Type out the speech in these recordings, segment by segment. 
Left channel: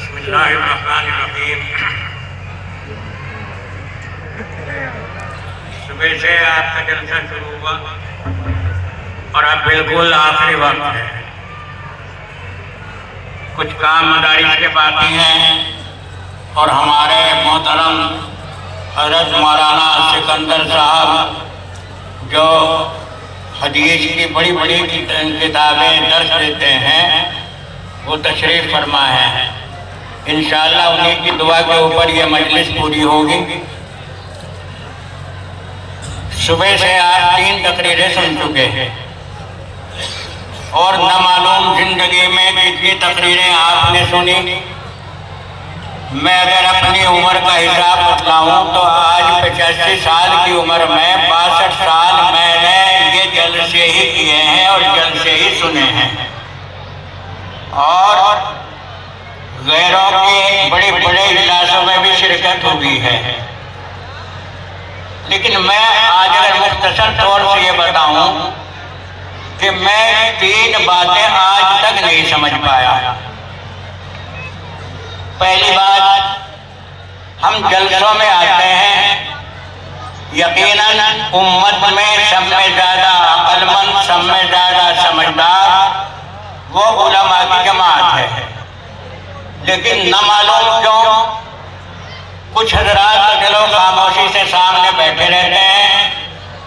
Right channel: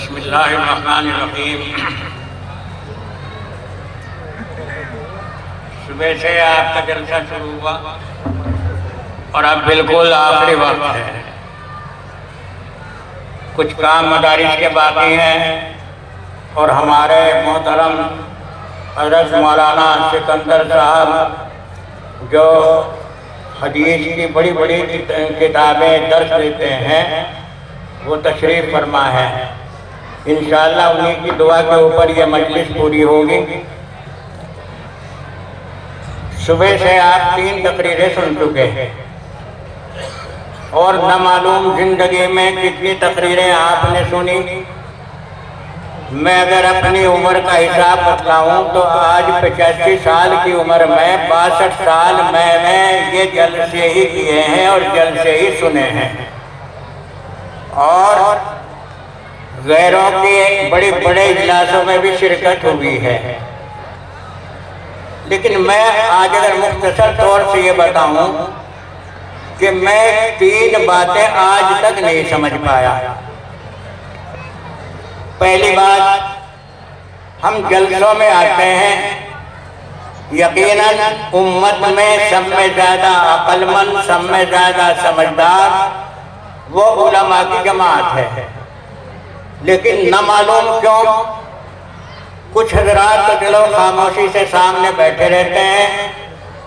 बिस्मिल्लाहिर्रहमानिर्रहीम। सुबह से आपका जलसा शुरू हुआ और अब बिल्कुल आखिरी वक्त है। कुछ काम मदारिस के बाकी हैं और हमारे मोहतरम हज़रत मौलाना सिकंदर साहब जो हदीस की बड़ी बड़ी किताबें दर्ज देते हैं वो तशरीफ़ फरमा है। इंशाअल्लाह उन्हीं की दुआ के ऊपर ये मजलिस पूरी होगी। सुबह से आप 3 तकरीरें सुन चुके हैं और न मालूम जिंदगी में कितनी तकरीरें आपने सुनी। मैं अगर अपनी उम्र का हिसाब बतलाऊं तो आज 85 साल की उम्र में 62 साल मैंने ये जलसे ही किए हैं और जलसे ही सुने हैं और गैरों के बड़े बड़े इजलासों में भी शिरकत हुई है। लेकिन मैं आज अगर मुख्तसर तौर से ये बताऊं कि मैं 3 बातें आज तक नहीं समझ पाया। पहली बात, हम जलसों में आते हैं, यकीनन उम्मत में सब में ज़्यादा अक्लमंद, सब में ज़्यादा समझदार वो उलमा की जमात है। लेकिन न मालूम क्यों कुछ हजरात तो चलो खामोशी से सामने बैठे रहते हैं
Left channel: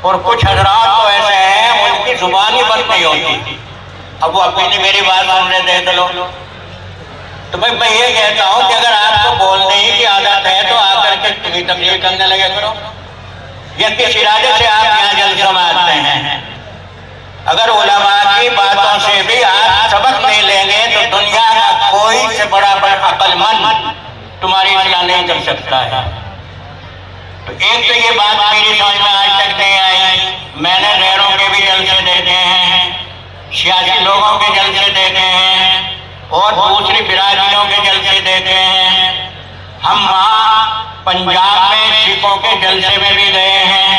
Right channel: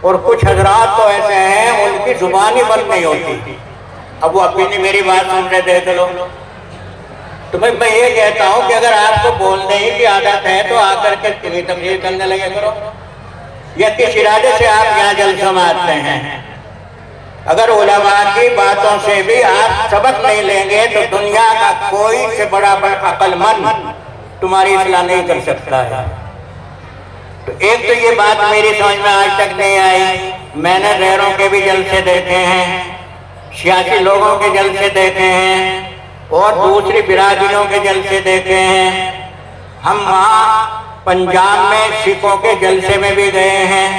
और कुछ हजरात तो ऐसे हैं उनकी जुबान ही बंद नहीं होती। अब वो अपनी मेरी बात सुन रहे थे तो मैं ये कहता हूँ कि अगर आपको बोलने ही की आदत है तो आकर के तुम्हें तबलीग करने लगा करो या किस इरादे से आप यहाँ जलसा में आते हैं। अगर उलमा की बातों से भी आप सबक नहीं लेंगे तो दुनिया का कोई से बड़ा अक्लमंद तुम्हारी इस्लाह नहीं कर सकता है। तो एक तो ये बात मेरी समझ में आज तक नहीं आई। मैंने गैरों के भी जलसे देखे हैं, सियासी लोगों के जलसे देखे हैं और दूसरी बिरादरियों के जलसे देखे हैं। हम वहाँ पंजाब में सिखों के जलसे में भी गए हैं,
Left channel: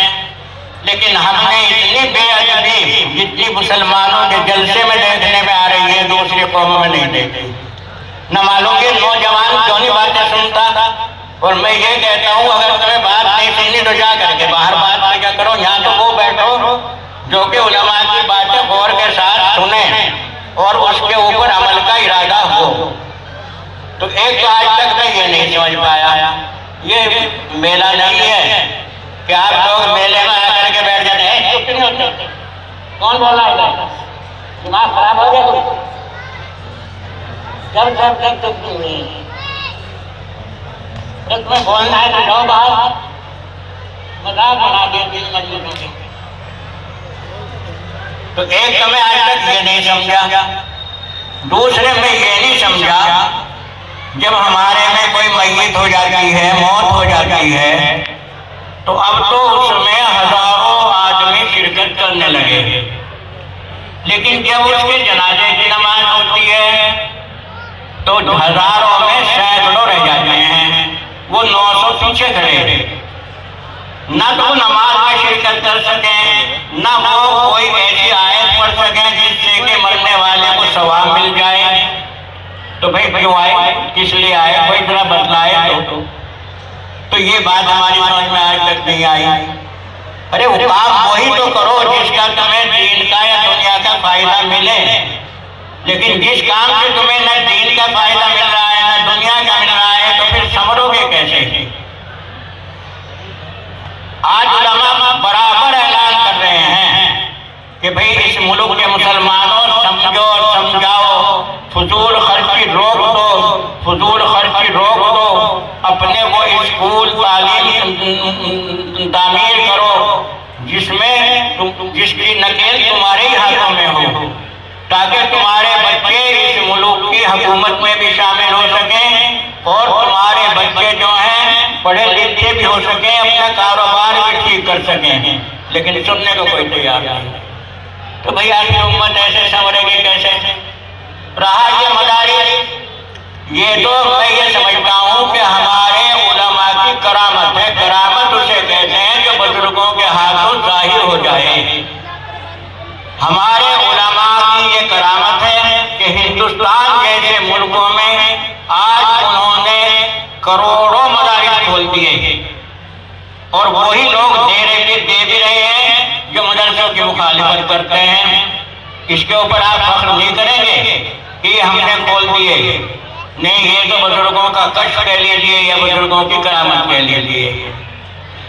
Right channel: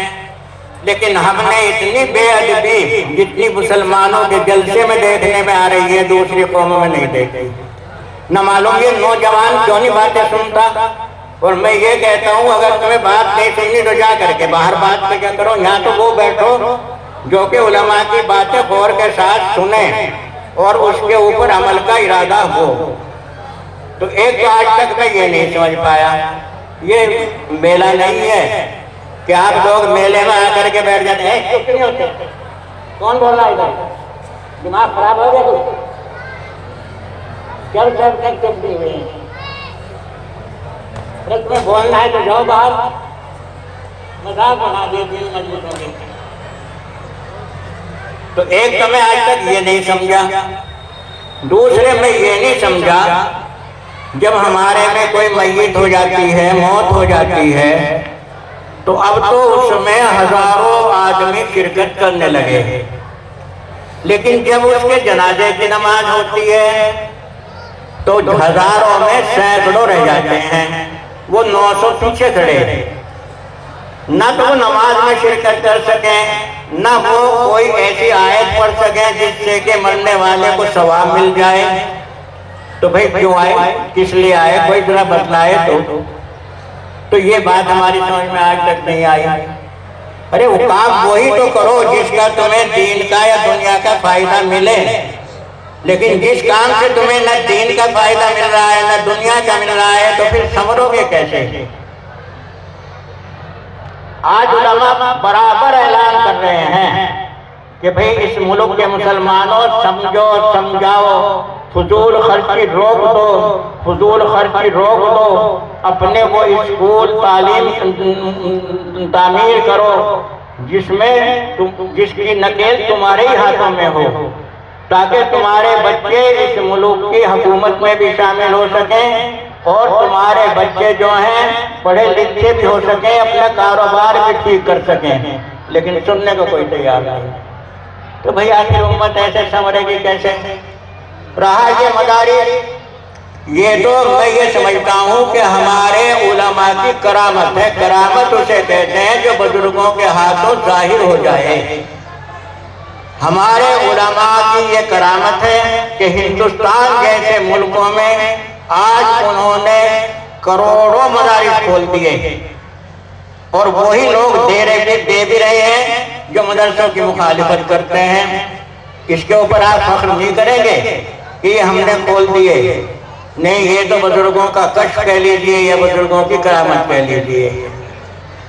लेकिन हमने इतनी बेअदबी जितनी मुसलमानों के जलसे में देखने में आ रही है दूसरी कौमों में नहीं देखी। न मालूम ये नौजवान क्यों नहीं बातें सुनता। और मैं ये कहता हूँ अगर तुम्हें बात नहीं सुननी तो जा करके बाहर बात पे क्या करो। यहाँ तो वो बैठो जो कि उलमा की बातें गौर के साथ सुने और उसके ऊपर अमल का इरादा हो। तो एक आज तक मैं ये नहीं समझ पाया, ये मेला नहीं है कि आप लोग मेले में आकर के बैठ जाते हैं। चुप नहीं होते। कौन बोला इधर? दिमाग खराब हो गया जब सब तक चुप नहीं हुई। एक बार बोलना है तो जो बात मजाक बना दिया दिल मजबूत हो। तो एक तो मैं आज तक ये नहीं समझा, दूसरे में ये नहीं समझा जब हमारे में कोई मैयत हो जाती है, मौत हो जाती है तो अब तो उसमें हजारों आदमी शिरकत करने लगे। लेकिन जब उसके जनाजे की नमाज होती है तो हजारों में सैकड़ों रह जाते हैं, वो 900 पीछे खड़े हैं। न तो नमाज में शिरकत कर सके, न वो कोई ऐसी आयत पढ़ सके जिससे कि मरने वाले को सवाब मिल जाए। तो भाई क्यों आए, किस लिए आए, कोई जरा बतलाए तो ये बात हमारी समझ में आज तक नहीं आई। अरे वो काम वही तो करो जिसका तुम्हें दीन का या दुनिया का फायदा मिले। लेकिन जिस काम से तुम्हें न दीन का फायदा मिल रहा है न दुनिया का मिल रहा है तो फिर संभलोगे कैसे। आज उलमा बराबर ऐलान कर रहे हैं कि भाई इस मुल्क के मुसलमानों समझो समझाओ, फजूल खर्ची रोक दो, फजूल खर्ची रोक दो, अपने वो स्कूल तालीम तामीर करो जिसकी नकेल तुम्हारे ही हाथों में हो, ताकि तुम्हारे बच्चे इस मुल्क की हुकूमत में भी शामिल हो सकें और तुम्हारे बच्चे जो हैं पढ़े लिखे भी हो सकें, अपना कारोबार भी ठीक कर सकें। लेकिन सुनने को कोई तैयार नहीं। तो भाई आखिर उम्मत ऐसे संवरेगी कैसे। रहा ये मदारिस, ये तो मैं ये समझता हूँ कि हमारे उलमा की करामत है। करामत उसे कहते हैं जो बुजुर्गों के हाथों जाहिर हो जाए। हमारे उलमा की ये करामत है कि हिंदुस्तान जैसे मुल्कों में आज मदारिस खोल दिए और वही लोग दे भी रहे हैं जो मदरसों की मुखालिफत करते हैं। इसके ऊपर आप फख्र नहीं करेंगे कि ये हमने खोल दिए? नहीं, ये तो बुजुर्गों का कष्ट कह लीजिए, ये बुजुर्गों की करामत कह लीजिए।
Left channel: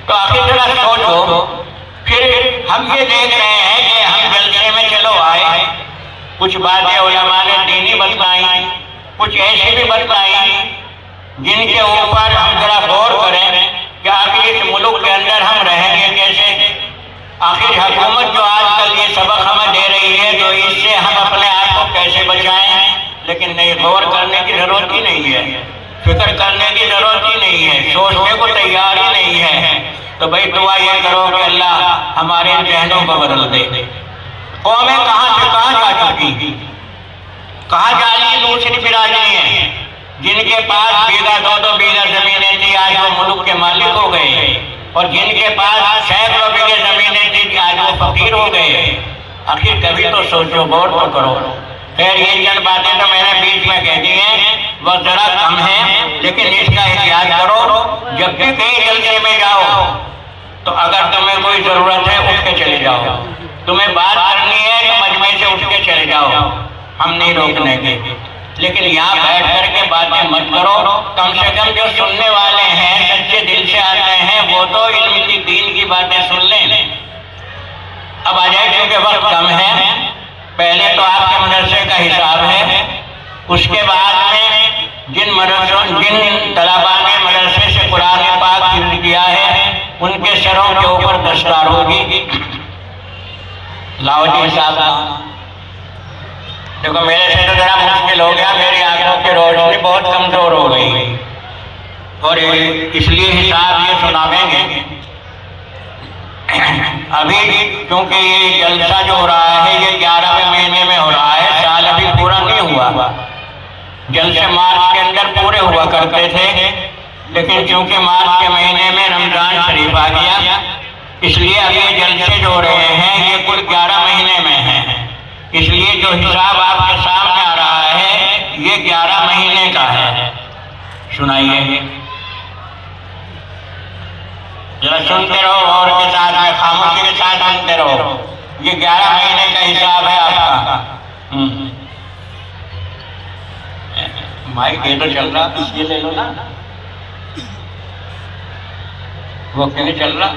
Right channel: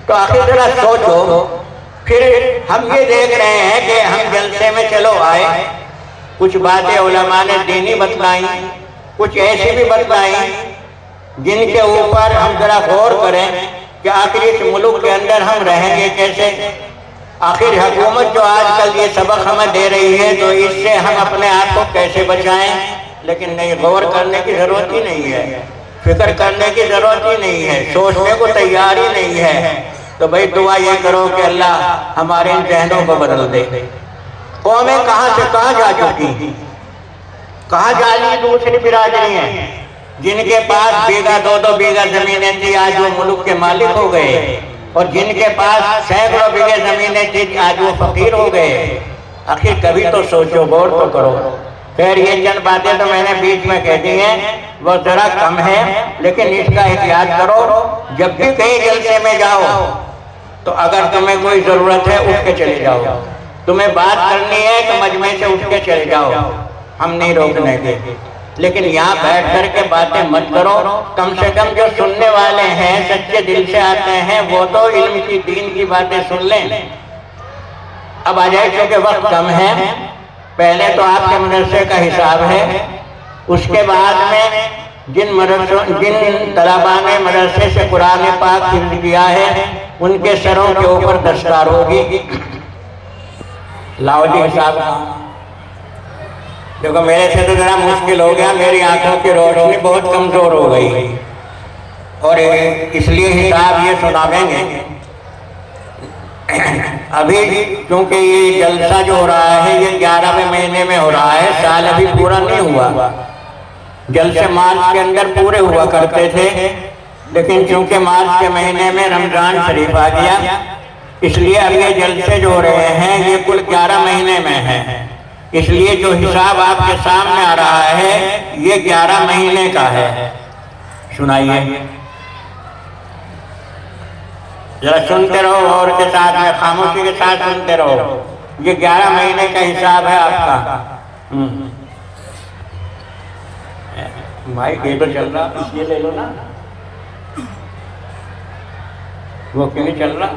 तो आखिर जरा सोचो, फिर हम ये देख रहे हैं कि हम जलसे में चलो आए, कुछ बातें उलमा ने दीनी बतलाई, कुछ ऐसी भी बतलाई जिनके ऊपर हम जरा गौर करें कि आखिर इस मुल्क के अंदर हम रहेंगे कैसे। आखिर हुकूमत जो आजकल ये सबक हमें दे रही है तो इससे हम अपने आप को कैसे बचाएं। लेकिन नहीं, गौर करने की जरूरत ही नहीं है, फिक्र करने की जरूरत ही नहीं है, सोचने को तैयार ही नहीं है। तो भाई दुआ ये करो कि अल्लाह हमारे इन जहनों को बदल दे। कौमें कहाँ से कहाँ जा चुकी, कहाँ जाली दूसरी बिरादरी है जिनके पास बीघा 2-2 बीघा जमीनें थी, आज वो मुल्क के मालिक हो गए, और जिनके पास सैकड़ों बीघे जमीनें थी आज वो फकीर हो गए। आखिर कभी तो सोचो, गौर तो करो। खैर ये चंद बातें तो मैंने बीच में कह दी हैं, वो जरा कम है, लेकिन इसका एहतियात करो। जब भी कहीं जलसे में जाओ तो अगर तुम्हें कोई जरूरत है उठ के चले जाओ, तुम्हें बात करनी है तो मजमे से उठ के चले जाओ, हम नहीं रोकने के। लेकिन यहाँ बैठ करके बातें मत करो। कम से कम जो सुनने वाले हैं, सच्चे दिल से आते हैं, वो तो इल्म की दीन की बातें सुन लें। अब आ जाए, क्योंकि वक्त कम है। पहले तो आपके मदरसे का हिसाब है, उसके बाद में जिन तलबा ने मदरसे से कुरान पाक हिफ्ज़ किया है उनके सरों के ऊपर दस्तार होगी। लाओ जी हिसाब। देखो मेरे से तो जरा मुश्किल हो गया, मेरी आंखों की रोशनी बहुत कमजोर हो गई, और इसलिए हिसाब ये सुनावेंगे। अभी क्योंकि जलसा जो हो रहा है ये 11वें महीने में हो रहा है, साल अभी पूरा नहीं हुआ। जलसे मार्च के अंदर पूरे हुआ करते थे, लेकिन क्योंकि मार्च के महीने में रमजान शरीफ आ गया, इसलिए अब ये जलसे जो हो रहे हैं ये कुल 11 महीने में है। इसलिए जो हिसाब आपके सामने आ रहा है ये 11 महीने का है। सुनाइए जरा, सुनते रहो और के साथ में, खामोशी के साथ सुनते रहो। ये 11 महीने का हिसाब है आपका। माइक ये तो चल रहा, ये ले लो ना, वो क्यों नहीं चल रहा?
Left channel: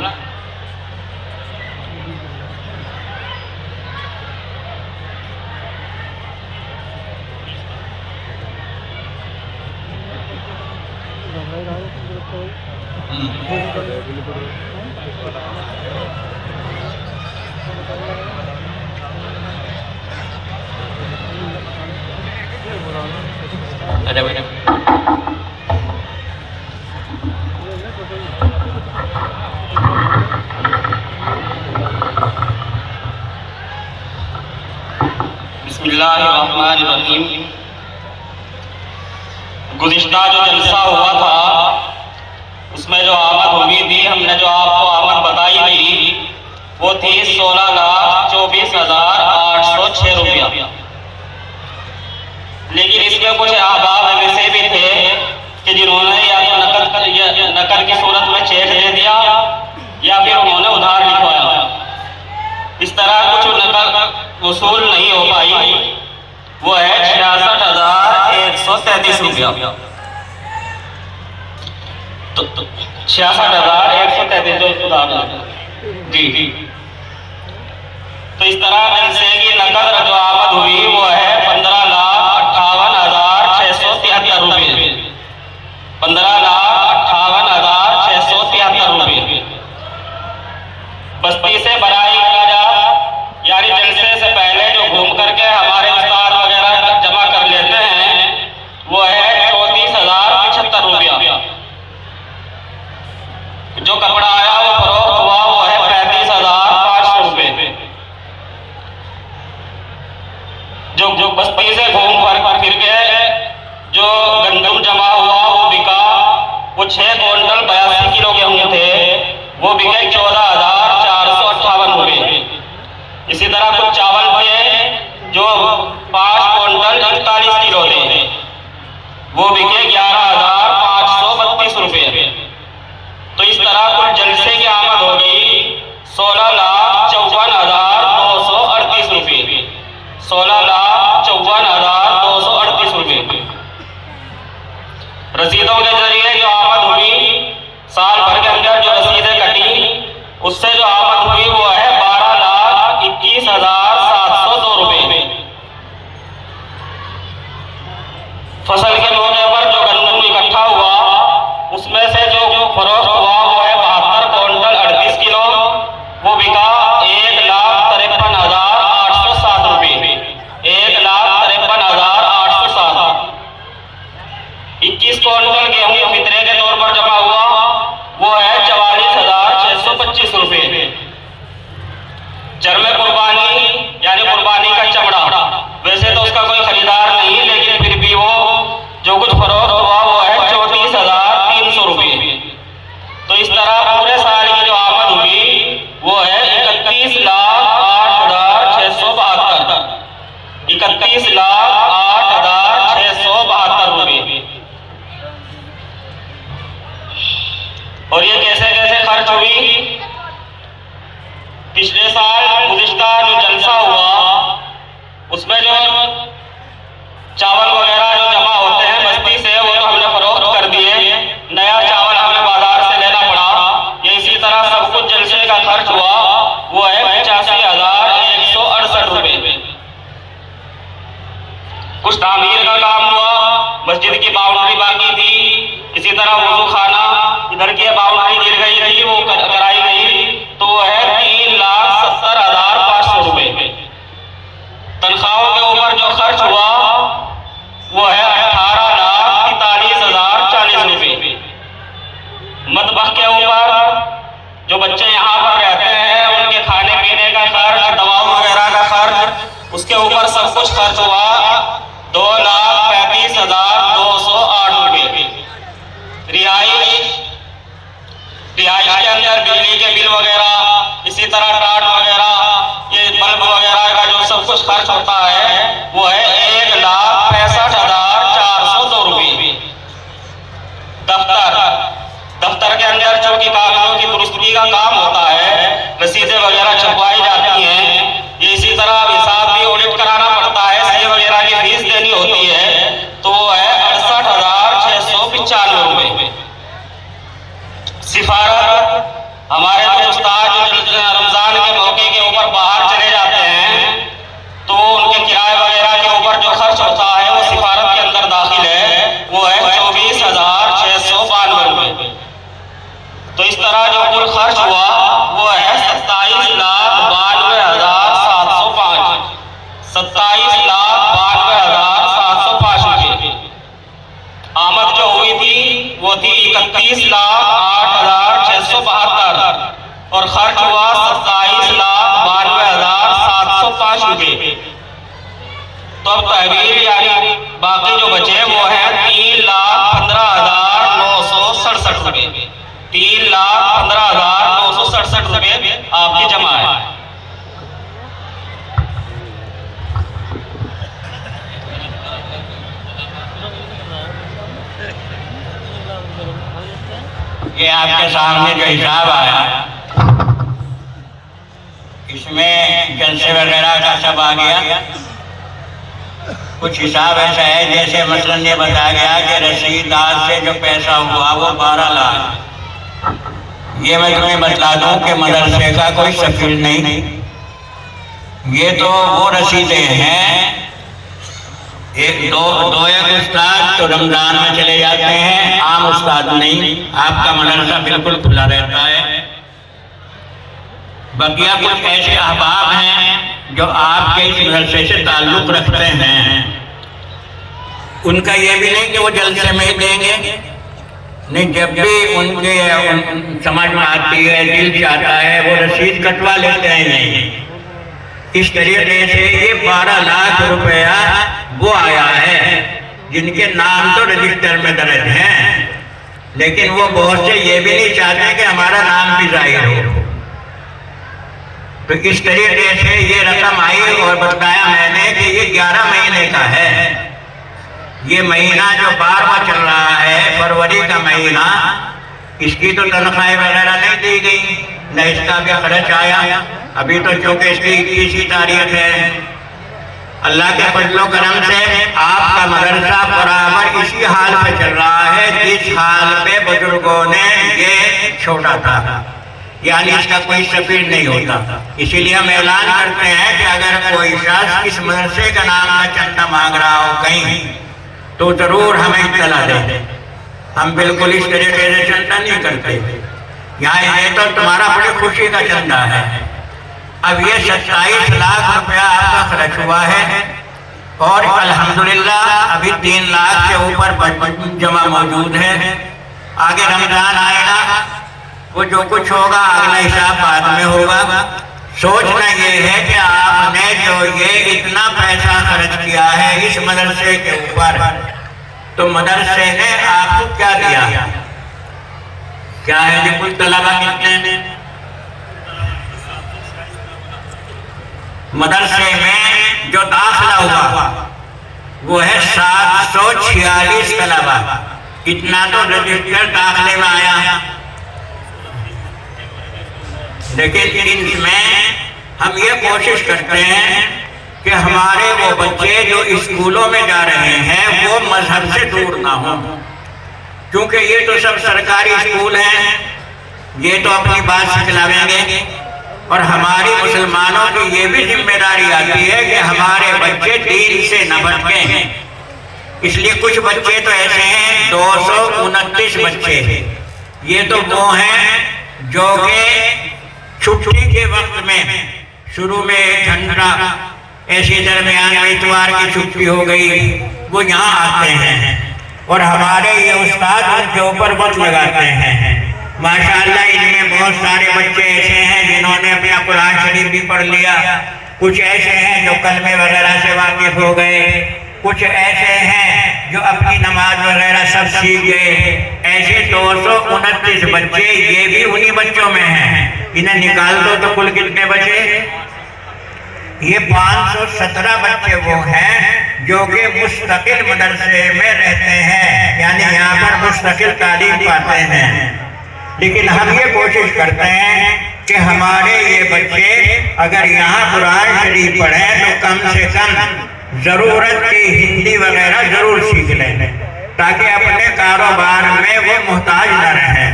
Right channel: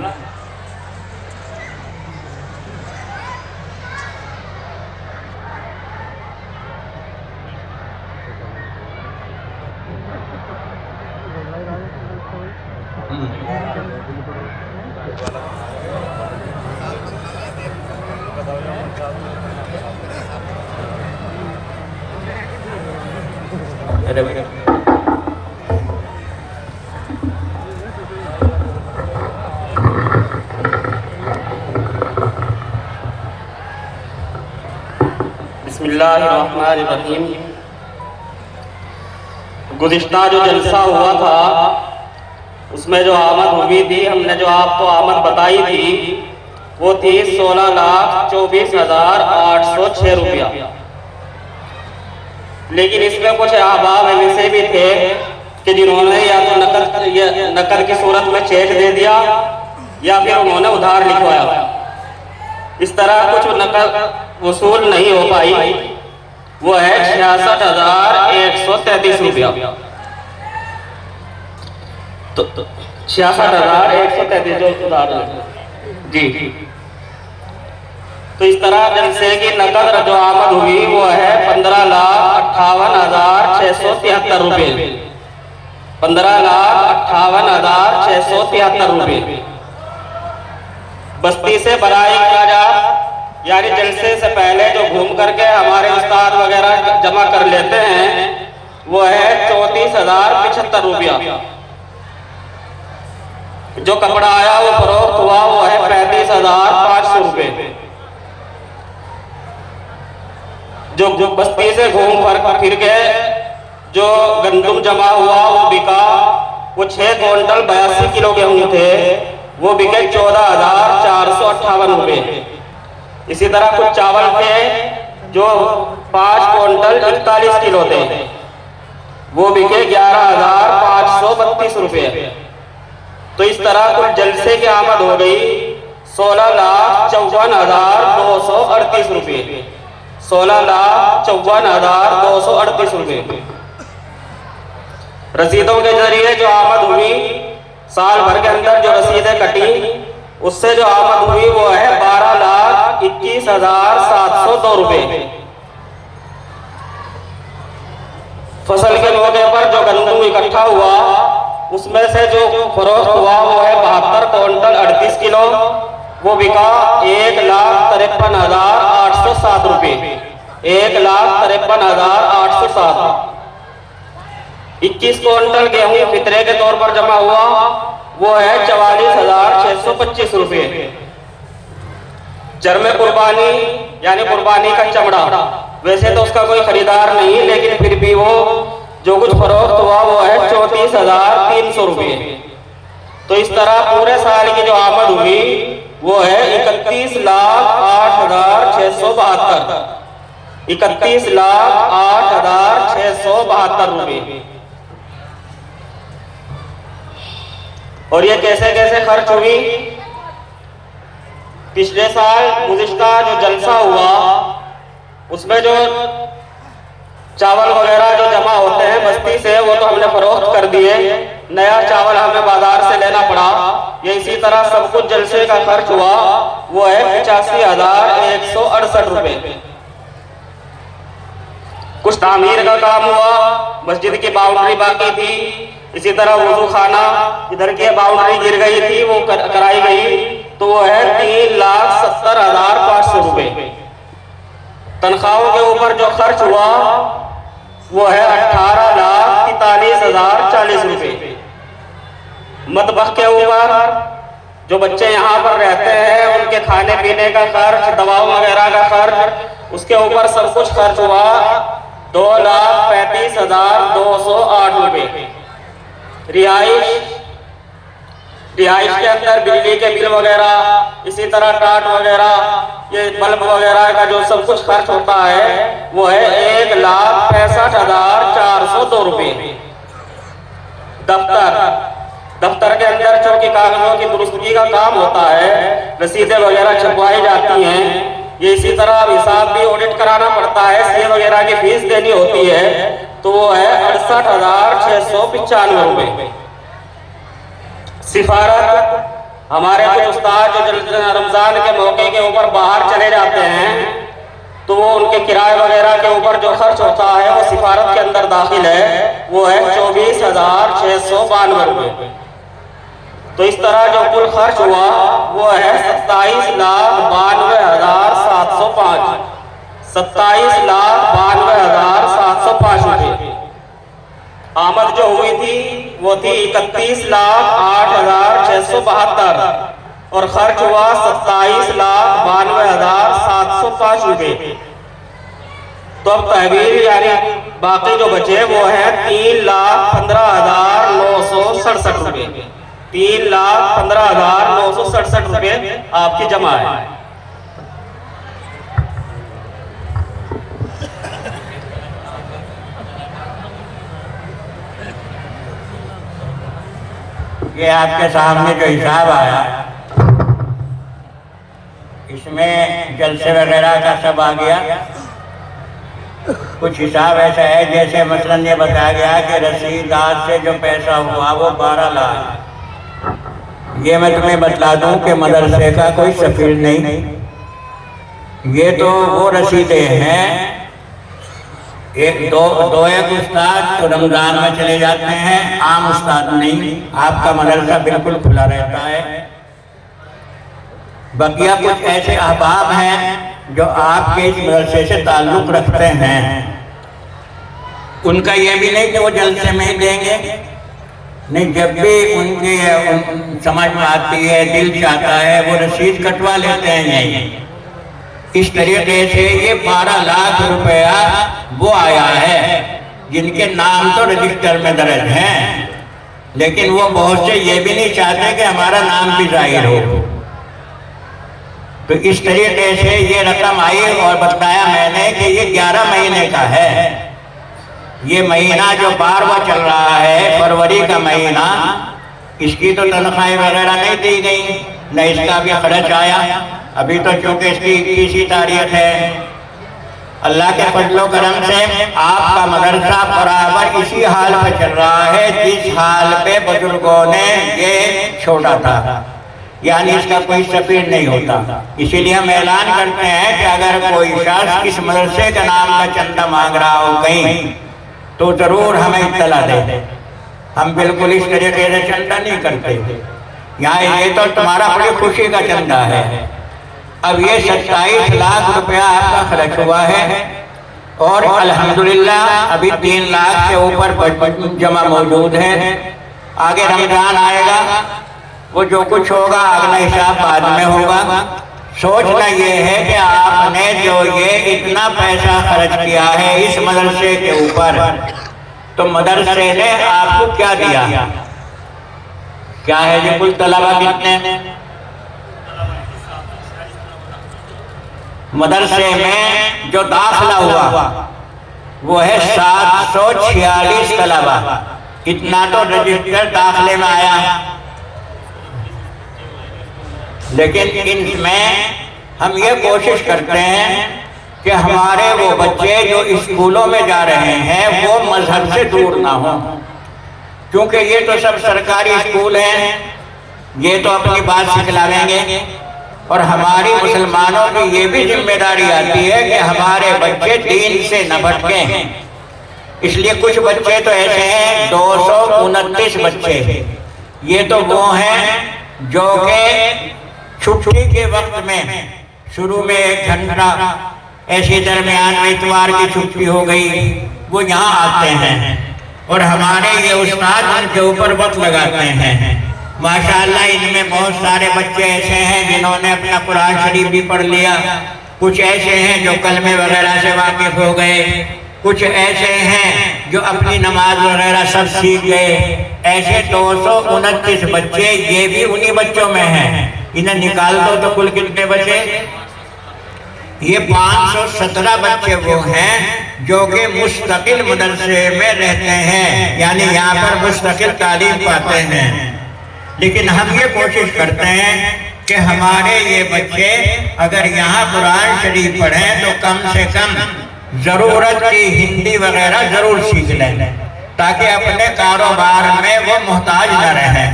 अरे भाई बिस्मिल्लाहिर्रहमानिर्रहीम। गुज़िश्ता जो जलसा हुआ था उसमें जो आमद हुई थी, हमने जो आपको आमद बताई थी वो थी 16,24,806 रुपया। लेकिन इसमें कुछ अहबाब ऐसे भी थे कि जिन्होंने या तो नकद की सूरत में चेक दे दिया या फिर उन्होंने उधार लिखवाया। इस तरह कुछ नकद वसूल नहीं हो पाई, वो है 66,133 रुपया। तो 66,133 जो उधार जी। तो इस तरह जलसे की नकद जो आमद हुई वो है 15,58,673 रुपये। 15,58,673 रुपये। बस्ती से बराई काजात यानी जलसे से पहले जो घूम करके हमारे उस्ताद वगैरह जमा कर लेते हैं वो है 34,075 रुपया। जो कपड़ा आया वो फरोख्त हुआ वो है 35,500 रुपये। जो बस्ती से घूम फिर गए जो गंदम जमा हुआ वो बिका, वो 6 क्विंटल 82 किलो गेहूं थे, वो बिके 14,458 रुपये। इसी तरह कुछ चावल थे जो 5 क्विंटल 41 किलो थे, वो बिके 11,532 रुपये। तो इस तरह कुल जलसे की आमद हो गई 16,54,238 रुपये। 16,54,238 रुपये। रसीदों के जरिए जो आमद हुई, साल भर के अंदर जो रसीदें कटी, उससे जो आमद हुई वो है 12,21,702 रुपये। फसल के मौके पर जो गंदम इकट्ठा हुआ, उसमें से जो फरोख्त हुआ वो है 72 क्विंटल 38 किलो। वो बिका 1,53,807 रुपये। 1,53,807। 21 क्विंटल गेहूं फितरे के तौर पर जमा हुआ, वो है 44,625 रुपये। चरमे कुर्बानी यानी कुर्बानी का चमड़ा, वैसे तो उसका कोई खरीदार नहीं, लेकिन फिर भी वो जो कुछ फरोख्त हुआ वो है 34,300 रुपये। तो इस तरह पूरे साल की जो आमद हुई वो है 31,08,672। 31,08,672 रुपये। और ये कैसे कैसे खर्च हुई? पिछले साल गुज़िश्ता जो जलसा हुआ, उसमें जो चावल वगैरह जो जमा होते हैं बस्ती से, वो तो हमने फरोख्त कर दिए। नया चावल हमें बाजार से लेना पड़ा। ये इसी तरह सब कुछ जलसे का खर्च हुआ, वो है 85,168 रुपये। कुछ तामीर का काम हुआ, मस्जिद की बाउंड्री बाकी थी, इसी तरह वुजू खाना इधर की बाउंड्री गिर गई थी, वो कराई गई, तो वो है 3,70,500 रुपये। तनख्वाहों के ऊपर जो खर्च हुआ वो है 18,43,040 रुपये। मतबख के ऊपर जो बच्चे यहाँ पर रहते हैं उनके खाने पीने का खर्च, दवाओं वगैरह का खर्च, उसके ऊपर सब कुछ खर्च हुआ 2,35,208 रुपये। रिहाइश के अंदर बिजली के बिल वगैरह, इसी तरह टाट वगैरह, ये बल्ब वगैरह का जो सब कुछ खर्च होता है वो है 1,65,402 रुपये। दफ्तर के अंदर चूंकि कागजों की दुरुस्ती का काम होता है, रसीदें वगैरह छपवाई जाती हैं, ये इसी तरह हिसाब भी ऑडिट कराना पड़ता है, सीए वगैरह की फीस देनी होती है, तो वो है 68,695 रुपये। सिफारत, हमारे कुछ उस्ताद जो रमजान के मौके के ऊपर बाहर चले जाते हैं, तो उनके किराए वगैरह के ऊपर जो खर्च होता है वो सिफारत के अंदर दाखिल है, वो है 24,692 रुपये। तो इस तरह जो कुल खर्च हुआ वो है 27,92,705। 27,92,705 रुपये। आमद जो हुई थी वो थी 31,08,672 और खर्च हुआ 27,92,705 रुपये। तो अब तहवील यानी बाकी जो बचे वो है 3,15,967 रुपये। 3,15,967 रुपये आपकी जमा है। ये आपके सामने जो हिसाब आया, इसमें जलसे वगैरह का सब आ गया। कुछ हिसाब ऐसा है जैसे मसलन ये बताया गया कि रसीदार से जो पैसा हुआ वो 12 लाख। ये मैं तुम्हें बता दूं कि मदरसे का कोई सफील नहीं, ये तो वो रसीदें हैं। एक उस्ताद तो रमजान में चले जाते हैं, आम उस्ताद नहीं। आपका मदरसा बिल्कुल खुला रहता है। बकिया कुछ ऐसे अहबाब हैं जो आपके इस मदरसे से ताल्लुक रखते हैं, उनका यह भी नहीं कि वो जलसे में ही देंगे, नहीं, जब भी उनके समझ में आती है, दिल चाहता है, वो रसीद कटवा लेते हैं। नहीं, इस तरीके से ये 12 लाख रुपया वो आया है जिनके नाम तो रजिस्टर में दर्ज हैं, लेकिन वो बहुत से ये भी नहीं चाहते कि हमारा नाम भी जाहिर हो। तो इस तरीके से ये रकम आई और बताया मैंने कि ये 11 महीने का है। ये महीना जो 12वां चल रहा है, फरवरी का महीना, इसकी तो तनख्वाहें वगैरह नहीं दी गई, न इसका भी खर्च आया। अभी तो चूंकि इसकी 21 तारीख है, अल्लाह के फजलो करम से आपका मदरसा बराबर इसी हाल पे चल रहा है जिस हाल पे बुजुर्गों ने ये छोड़ा था, यानी इसका कोई सफीर नहीं होता। इसीलिए हम ऐलान करते हैं कि अगर कोई शख्स इस मदरसे का नाम का चंदा मांग रहा हो कहीं, तो जरूर हमें इत्तला दे। हम बिल्कुल इस तरीके से चंदा नहीं करते। यहाँ ये तो तुम्हारा बड़ी खुशी का चंदा है। अब ये 27 लाख रुपया आपका खर्च हुआ है और अल्हम्दुलिल्लाह अभी 3 लाख से ऊपर जमा मौजूद है। आगे रमजान आएगा, वो जो कुछ होगा अगला हिसाब बाद में होगा। सोचना ये है कि आपने जो ये इतना पैसा खर्च किया है इस मदरसे के ऊपर, तो मदरसे ने आपको क्या दिया? क्या है ये? कुल तलबा कितने मदरसे में जो दाखिला हुआ वो है 746 तलबा। इतना तो रजिस्टर दाखिले में आया है, लेकिन इनमें हम ये कोशिश करते हैं कि हमारे वो बच्चे जो स्कूलों में जा रहे हैं वो मजहब से दूर ना हो, क्योंकि ये तो सब सरकारी स्कूल हैं, ये तो अपनी बात सिखलावेंगे। और हमारी मुसलमानों की ये भी जिम्मेदारी आती है कि हमारे बच्चे दीन से न भटकें। इसलिए कुछ बच्चे तो ऐसे हैं, 229 बच्चे, ये तो वो हैं जो कि छुट्टी के वक्त में शुरू में 1 घंटा ऐसे दरमियान में इतवार की छुट्टी हो गई, वो यहाँ आते हैं और हमारे ये उस्ताद उनके ऊपर वक्त लगाते हैं। माशाअल्लाह इनमें बहुत सारे बच्चे ऐसे हैं जिन्होंने अपना कुरान शरीफ भी पढ़ लिया, कुछ ऐसे हैं जो कलमे वगैरह से वाकिफ हो गए, कुछ ऐसे हैं जो अपनी नमाज वगैरह सब सीख गए। ऐसे 229 बच्चे ये भी उन्हीं बच्चों में हैं। इन्हें निकाल दो तो कुल कितने बचे? ये 517 बच्चे वो हैं जो कि मुस्तकिल मदरसे में रहते हैं, यानी यहाँ पर मुस्तकिल तालीम पाते हैं। लेकिन हम ये कोशिश करते हैं कि हमारे ये बच्चे अगर यहाँ कुरान शरीफ पढ़ें तो कम से कम ज़रूरत की हिंदी वगैरह ज़रूर सीख लें, ताकि अपने कारोबार में वो मोहताज न रहें।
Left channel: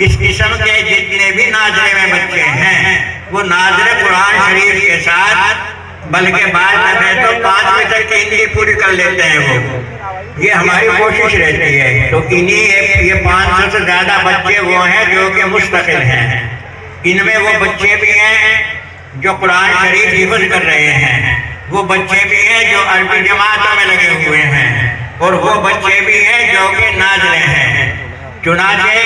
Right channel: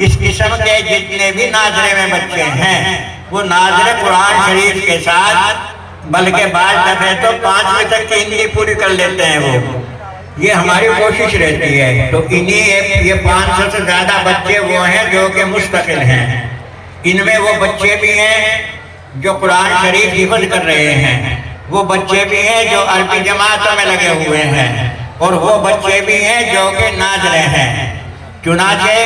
इस किस्म के जितने भी नाजरे में बच्चे हैं वो नाजरे कुरान शरीफ के साथ, बल्कि बाद दफे तो 5वीं तक की हिंदी पूरी कर लेते हैं वो, ये हमारी कोशिश रहती है। तो इन्हीं ये 500 से ज़्यादा बच्चे वो हैं जो कि मुस्तकिल हैं। इनमें वो बच्चे भी हैं जो कुरान शरीफ हिफ्ज़ कर रहे हैं, वो बच्चे भी हैं जो अरबी जमातों में लगे हुए हैं, और वो बच्चे भी हैं जो कि नाज़िले हैं। चुनाचे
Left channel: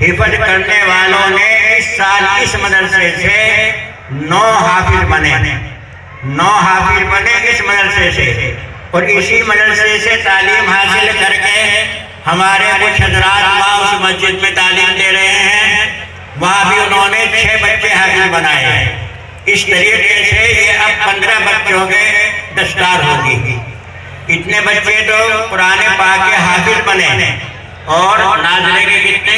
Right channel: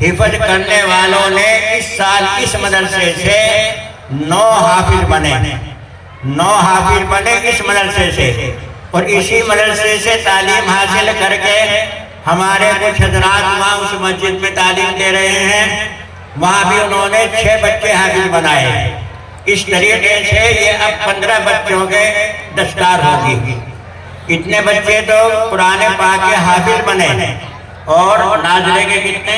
हिफ्ज़ करने वालों ने इस साल इस मदरसे से 9 हाफिज बने, 9 हाफिज बने इस मदरसे से। और इसी मदरसे से तालीम हासिल करके हमारे कुछ हजरात वहाँ उस मस्जिद में तालीम दे रहे हैं, वहाँ भी उन्होंने 6 बच्चे हाफिज बनाए। इस तरीके से ये अब 15 बच्चों के दस्तार होगी। इतने बच्चे तो कुरान पाक के हाफिज बने, और नाज़िले के कितने?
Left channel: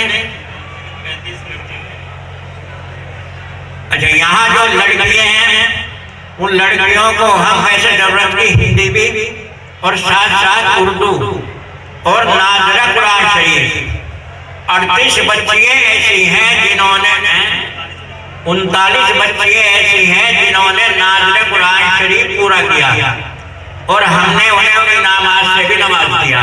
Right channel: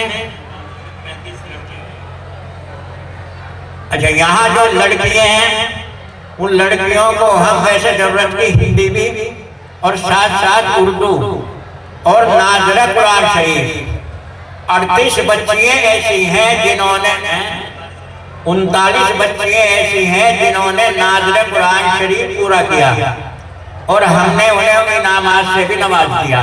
अच्छा, यहाँ जो लड़कियाँ हैं उन लड़कियों को हम वैसे जरूरत की हिंदी भी और साथ साथ उर्दू और नाज़िला कुरान शरीफ 38 बच्चियाँ ऐसी हैं जिन्होंने 39 बच्चियाँ ऐसी हैं जिन्होंने नाज़िला कुरान शरीफ पूरा किया, और हमने उन्हें इनामात से भी नवाज दिया।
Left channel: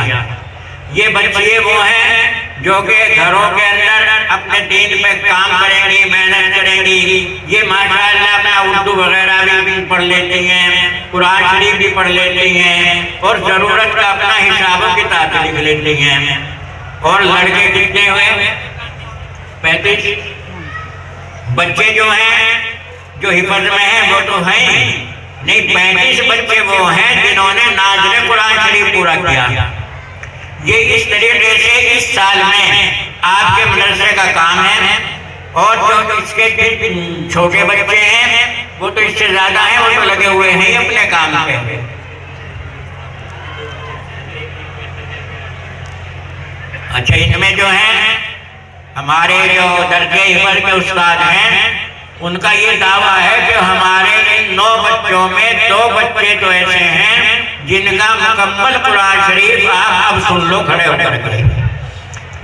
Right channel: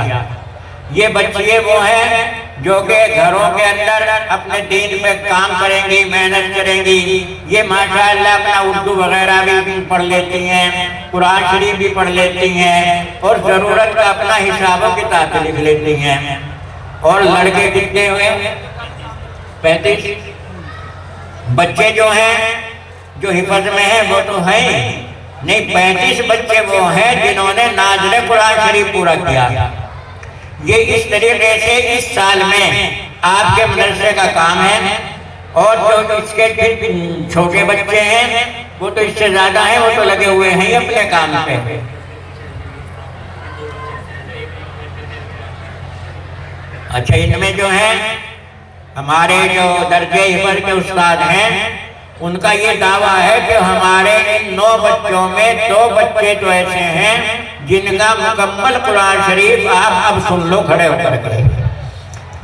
ये बच्चियाँ वो हैं जो कि घरों के अंदर अपने दीन पे काम करेंगी, मेहनत करेंगी। ये माशाअल्लाह अपना उर्दू वगैरह भी पढ़ लेती हैं, कुरान शरीफ भी पढ़ लेती हैं, और ज़रूरत का अपना हिसाब किताब लिख लेती हैं। और लड़के कितने हुए? 35 बच्चे जो हैं जो हिफाजत में हैं वो तो हैं नहीं, 35 बच्चे वो हैं जिन्होंने नाज़िला कुरान शरीफ पूरा किया। ये इस तरीके से इस साल में आपके मदरसे का काम है। और जो इसके छोटे बच्चे हैं वो तो इससे ज्यादा है, वो तो लगे हुए हैं अपने काम पे। अच्छा, इनमें जो है हमारे जो दर्जे इवर के उस्ताद हैं, उनका ये दावा है कि हमारे इन 9 बच्चों में 2 बच्चे तो ऐसे हैं जिनका मुकम्मल कुरान शरीफ आप अब सुन लो खड़े होकर के।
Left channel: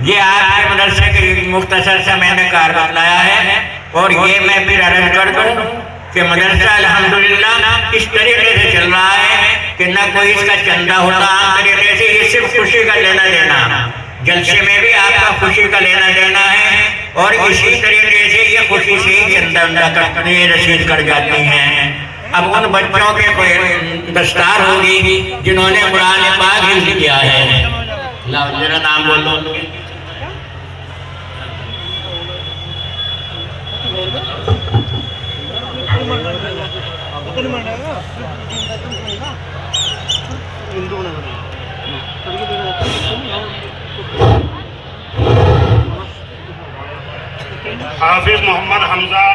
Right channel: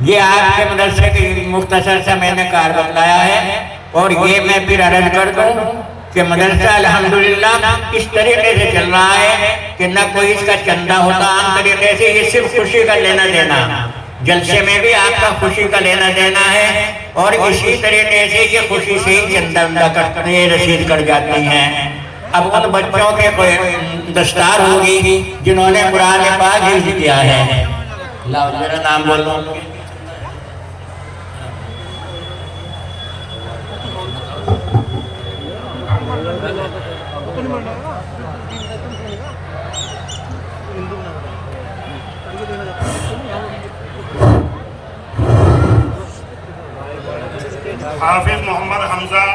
ये आपके मदरसे के मुख्तसर से मैंने कार बताया है, और ये मैं फिर अर्ज कर दूं कि मदरसा अल्हम्दुलिल्लाह इस तरीके से चल रहा है कि न कोई इसका चंदा होता आम तरीके से, ये सिर्फ खुशी का लेना देना। जलसे में भी आपका खुशी का लेना देना है, और इसी तरीके से ये खुशी से ही चंदा उंदा करते हैं, रसीद कर जाती हैं। अब उन बच्चों के कोई दस्तार होगी जिन्होंने कुरान पाक ही किया है। लाओ जरा नाम बोलो। हाफिज मोहम्मद हमजा